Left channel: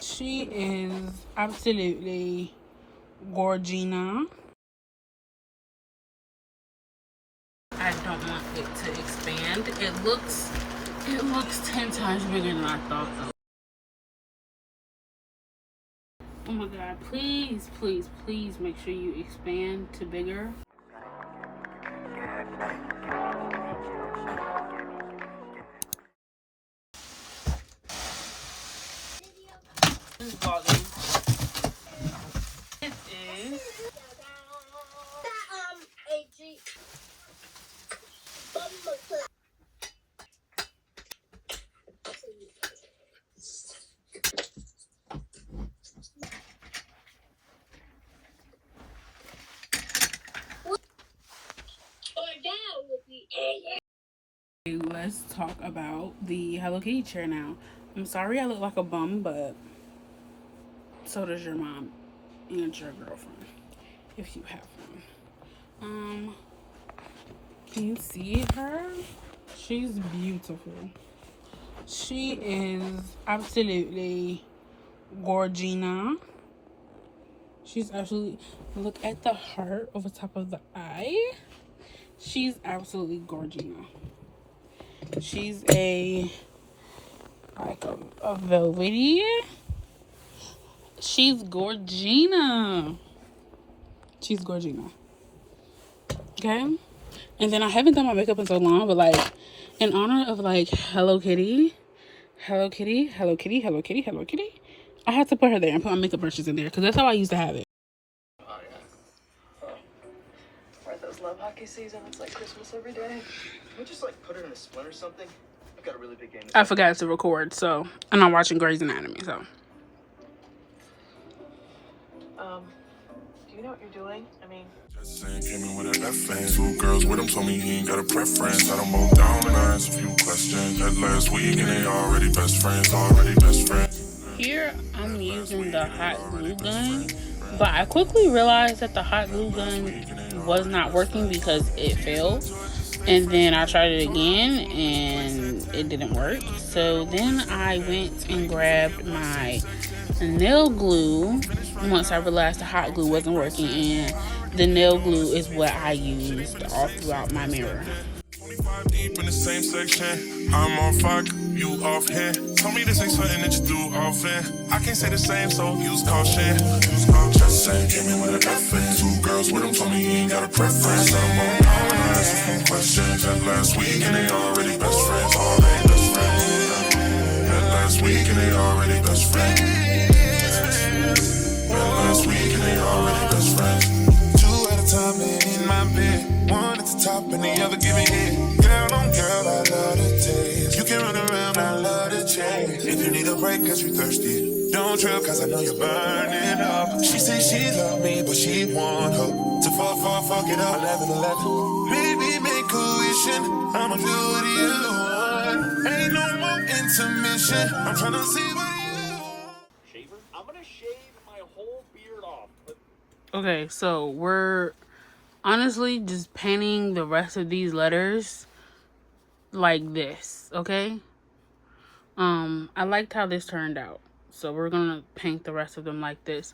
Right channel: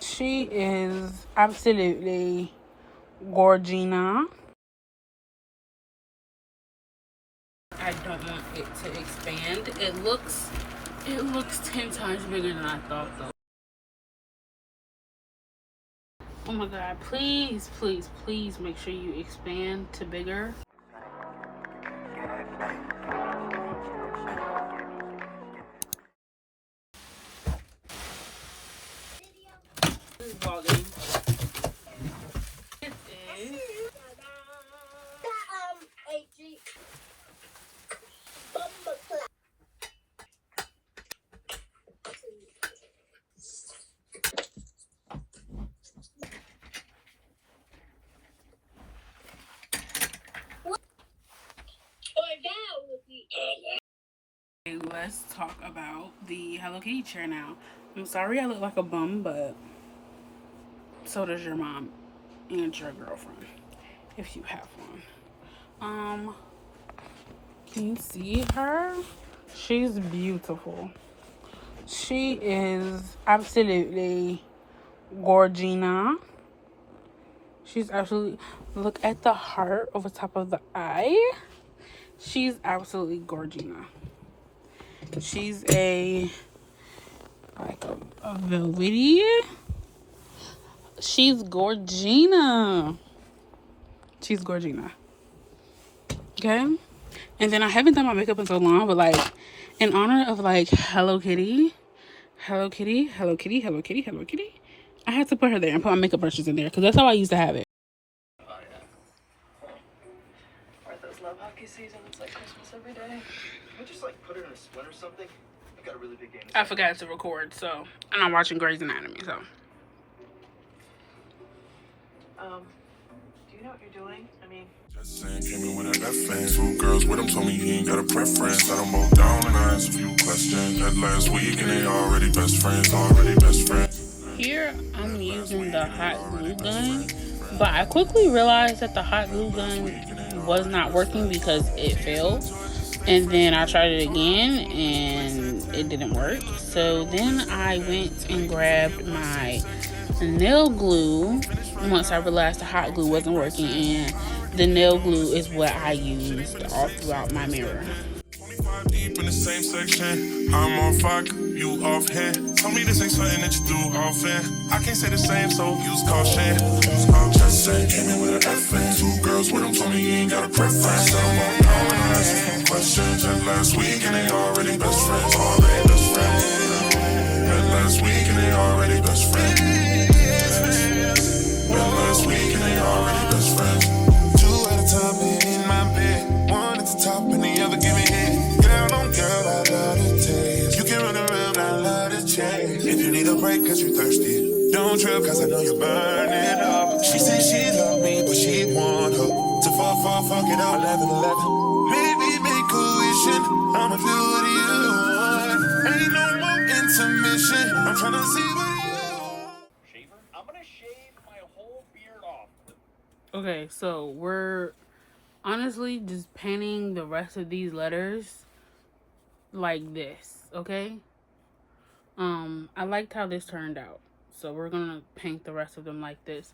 She is absolutely gorgina. I don't want it to expand. It looks 10 times bigger than I thought though. Oh my god, please, please, please make sure you expand to bigger. This is vlogging. It is let's talk about the Hello Kitty chair now. I'm sorry I look like a bum, but so does your mom and your girlfriend, if you have one. Can you see her? She's beautiful. She is absolutely gorgina. She's absolutely, look at the heart over top of the eye. She's absolutely gorgina. She's a velvety. She's gorgina. She's gorgina. Okay? And then I haven't done my makeup in so long, but like in honor of like Hello Kitty, Hello Kitty, Hello Kitty, Hello Kitty, Hello Kitty, I had to put her there and put my makeup brushes in there because that's how I used to have it. Oh yeah. Alright, those love hockey season, it's like Christmas every day. Can we just like put it in a splint or something? I've got a really big game. I forgot to record, so I'm not watching Grey's Anatomy, so. Do you know what you're doing? I mean, just saying, came in with a F-fan. 2 girls with him told me he ain't got a preference. I don't both down and I asked a few questions. That last week and they already best friends, Here I'm using the hot glue gun, but I quickly realized that the hot glue gun was not working because it failed. And then I tried it again and it didn't work. So then I went and grabbed my nail glue once I realized the hot glue wasn't working, and the nail glue is what I used all throughout my mirror. 25 deep in the same section. I'm on fire, you off hand. Tell me this ain't something that you do often. I can't say the same, so use caution. Just saying, came in with a F-fan. 2 girls with him told me he ain't got a preference. I'm on down and I asked a few questions. That last week and they already best friends. Already best friends. That last week and they already best friends. That last week and they already best friends. 2 at a time in my bed. 1 at the top and the other giving head. Girl on girl, I love the taste. You can run around, I love the chase. If you need a break cause you thirsty, don't trip cause I know you're burning up. She said she loved me but she want her to fuck it up. 11-11. Baby, make a wishing, I'ma do what you want. Ain't no more intermission, I'm tryna see what you want. Shaver? I'm gonna shave my whole beard off. Okay, so we're honestly just painting the rest of these letters like this, okay? I liked how this turned out, so we're gonna paint the rest of them like this.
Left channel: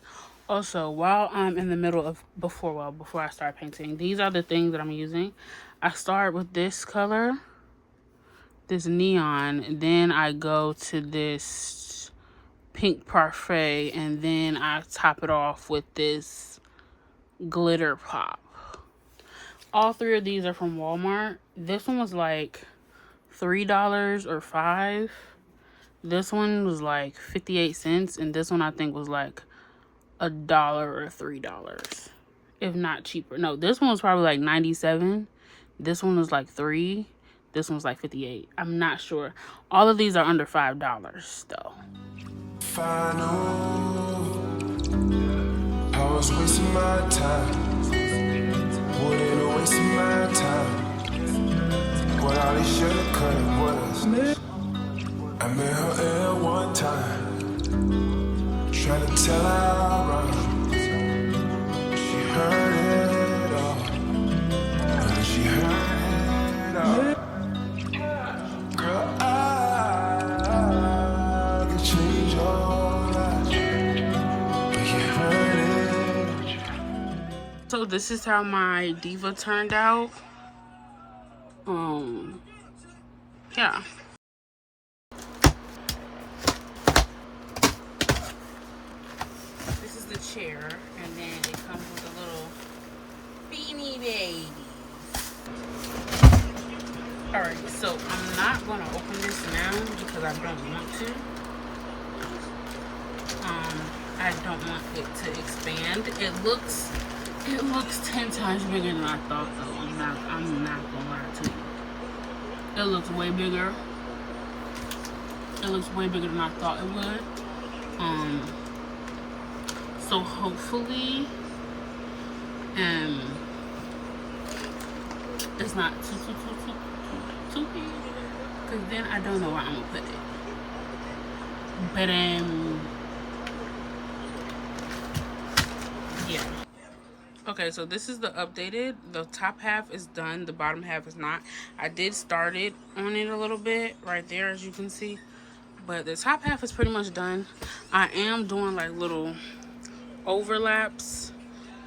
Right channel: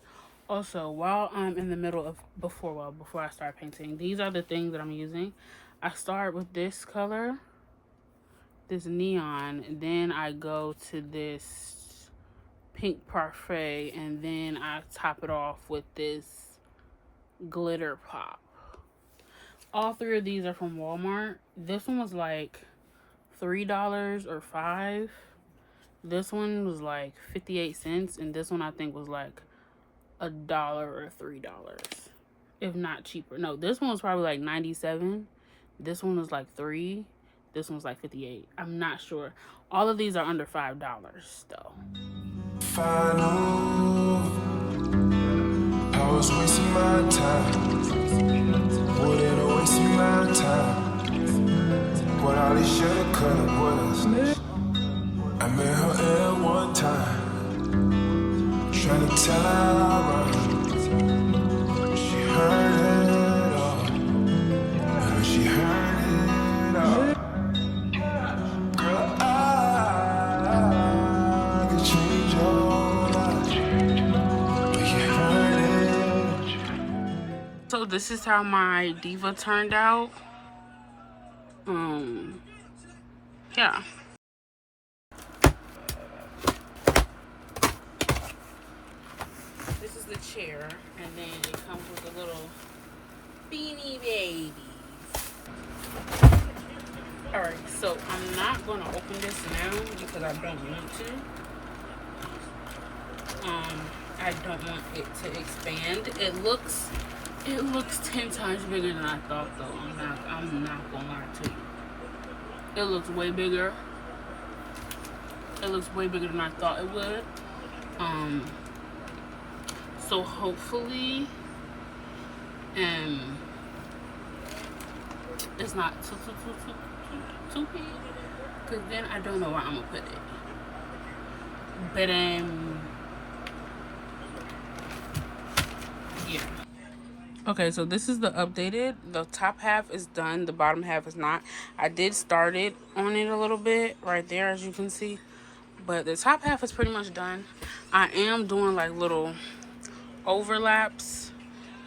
Also, while I'm in the middle of before I start painting, these are the things that I'm using. I start with this color, this neon, and then I go to this pink parfait, and then I top it off with this glitter pop. All 3 of these are from Walmart. This one was like $3 or $5. This one was like 58 cents, and this one I think was like $1 or $3, if not cheaper. No, this one was probably like 97. This one was like $3. This one's like 58. I'm not sure. All of these are under $5 though. Final, I was wasting my time. Wouldn't have wasted my time. What all these shoulda, coulda, wouldas. I met her at one time, trying to tell her I run. She heard it all, and she heard it all. Girl, I could So this is how my diva turned out. Yeah. This is the chair, and then it comes with a little beanie baby. Alright, so I'm not gonna open this now because I don't want to. I don't want it to expand. It looks 10 times bigger than I thought, though. I'm not gonna lie to you. It looks way bigger. It looks way bigger than I thought it would. So hopefully it's not too big, because then I don't know where I'm gonna put it. But yeah. Okay, so this is the updated. The top half is done, the bottom half is not. I did start it on it a little bit right there, as you can see, but the top half is pretty much done. I am doing like little overlaps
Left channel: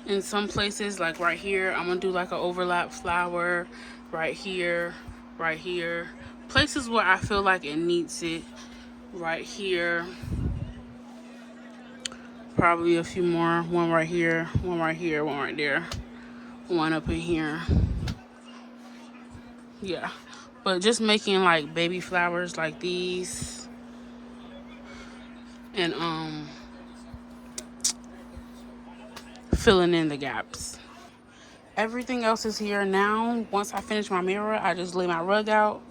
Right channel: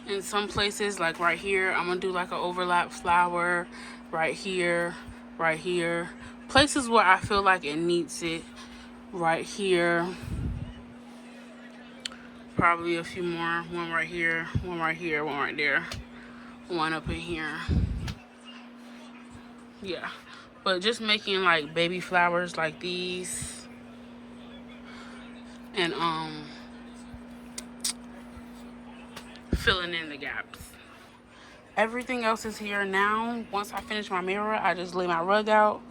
in some places, like right here. I'm gonna do like an overlap flower right here, right here. Places where I feel like it needs it, right here. Probably a few more. One right here, one right here, one right there, one up in here. Yeah, but just making like baby flowers like these, and filling in the gaps. Everything else is here now. Once I finish my mirror, I just lay my rug out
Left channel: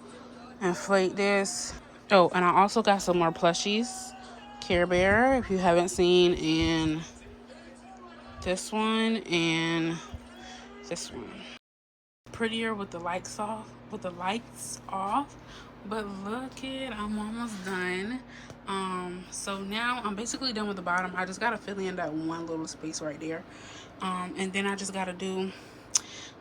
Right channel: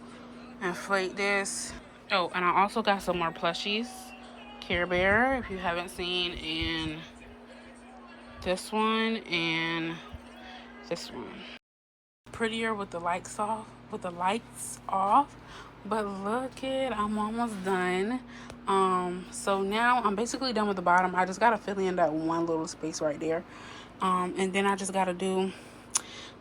and flake this. Oh, and I also got some more plushies. Care Bear, if you haven't seen, and this one and this one. Prettier with the lights off, but look it, I'm almost done. So now I'm basically done with the bottom. I just gotta fill in that one little space right there, and then I just gotta do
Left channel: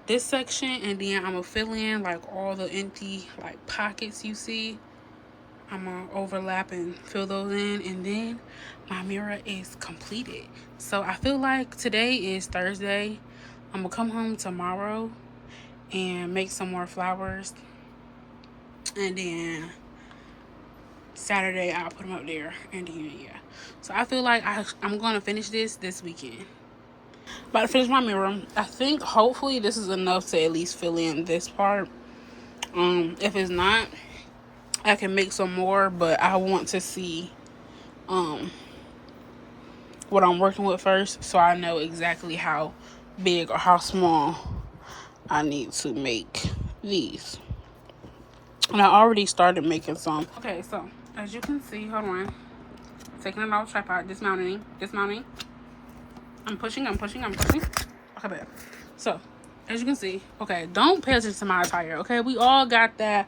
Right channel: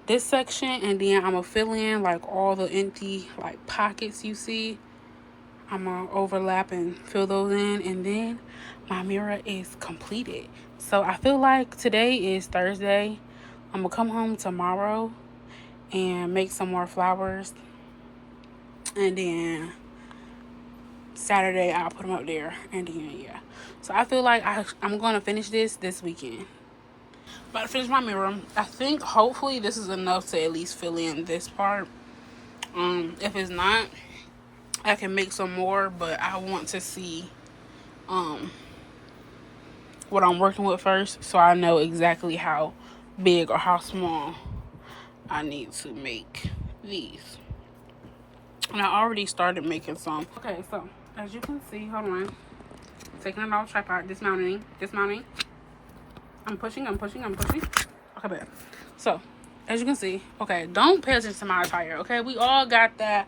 this section, and then I'm gonna fill in like all the empty like pockets you see. I'm gonna overlap and fill those in, and then my mirror is completed. So I feel like today is Thursday. I'm gonna come home tomorrow and make some more flowers, and then Saturday I'll put them up there, and then yeah. So I feel like I'm gonna finish this weekend. About to finish my mirror. I think hopefully this is enough to at least fill in this part. If it's not, I can make some more, but I want to see what I'm working with first, so I know exactly how big or how small I need to make these. And I already started making some. Okay, so as you can see, hold on, taking it off tripod, dismounting. I'm pushing. Okay, babe. So as you can see, okay, don't pay attention to my attire, okay? We all got that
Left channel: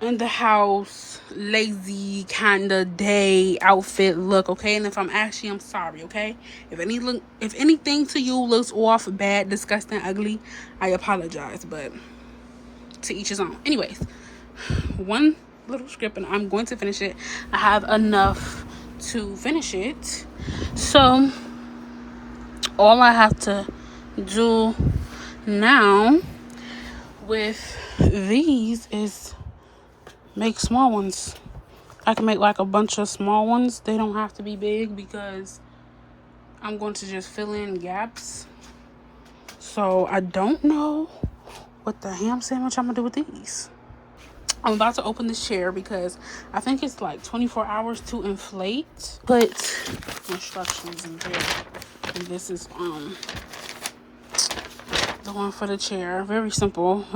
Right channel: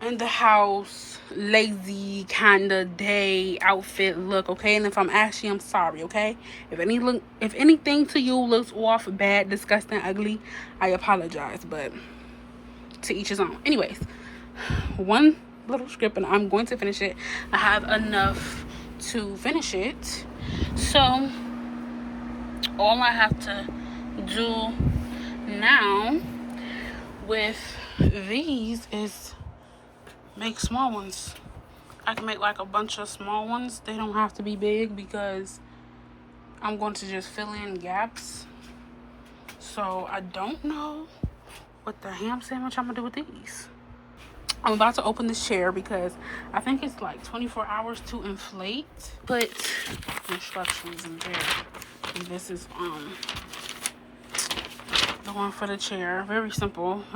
in the house lazy kind of day outfit look, okay? And if I'm ashy, I'm sorry, okay? If anything to you looks off, bad, disgusting, ugly, I apologize, but to each his own. Anyways, one little script, and I'm going to finish it. I have enough to finish it, so all I have to do now with these is make small ones. I can make like a bunch of small ones. They don't have to be big because I'm going to just fill in gaps. So I don't know what the ham sandwich I'm gonna do with these. I'm about to open this chair because I think it's like 24 hours to inflate. Put instructions in there. And this is the one for the chair. Very simple.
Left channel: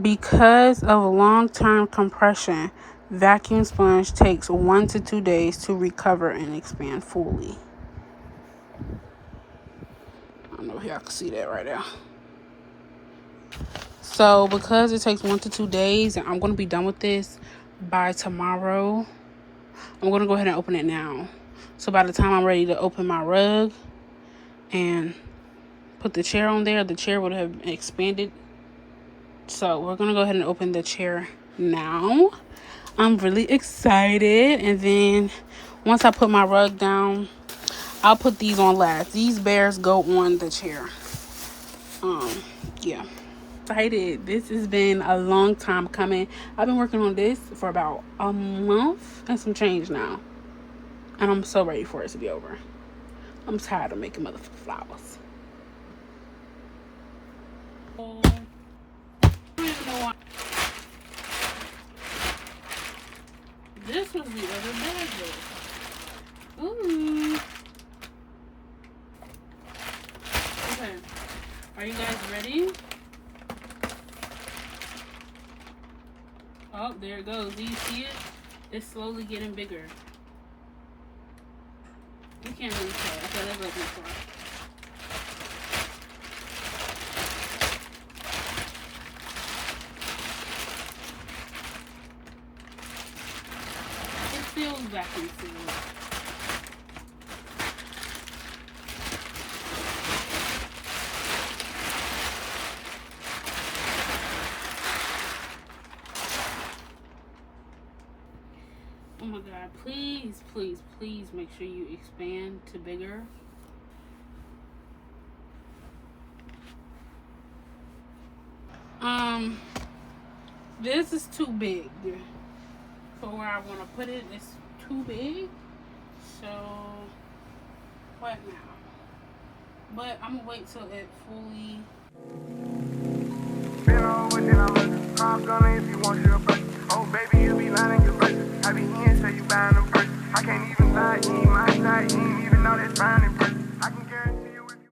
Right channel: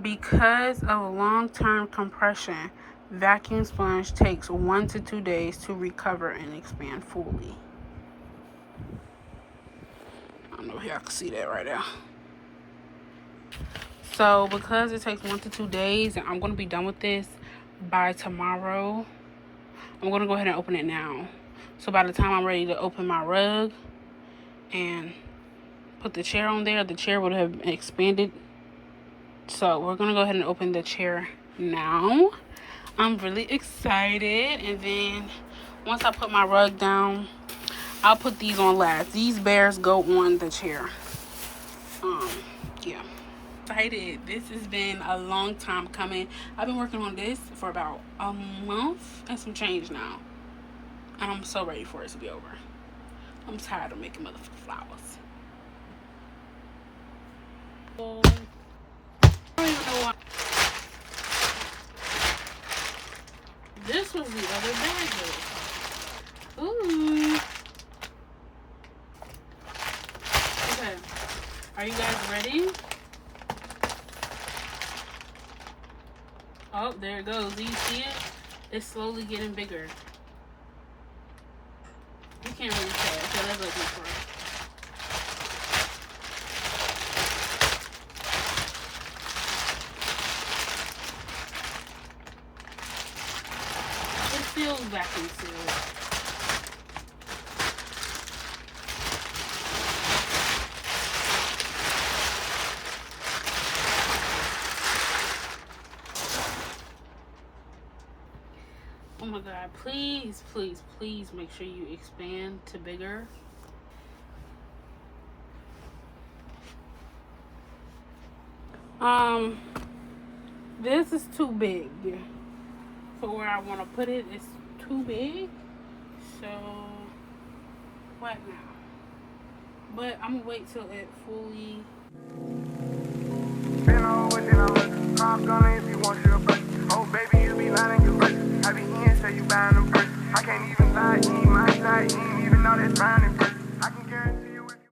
Because of long-term compression, vacuum sponge takes 1 to 2 days to recover and expand fully. I don't know if y'all can see that right now. So because it takes 1 to 2 days, and I'm going to be done with this by tomorrow, I'm going to go ahead and open it now. So by the time I'm ready to open my rug and put the chair on there, the chair would have expanded. So we're going to go ahead and open the chair now. I'm really excited. And then once I put my rug down, I'll put these on last. These bears go on the chair. Yeah. Excited. This has been a long time coming. I've been working on this for about a month and some change now. And I'm so ready for it to be over. I'm tired of making motherfucking flowers. I don't even know why. This was the other bag. Ooh. Okay. Are you guys ready? Oh, there it goes. Do you see it? It's slowly getting bigger. You can't really tell. Okay, let's open it first. It feels vacuum sealed. Oh my god, please, please, please make sure you expand to bigger. This is too big for where I want to put it. It's too big. So, what now? But I'm gonna wait till it fully. I'm gonna if you want your butt. Oh baby, you be lying your butt. I be in, say you buying them first. I can't even lie, you ain't my side,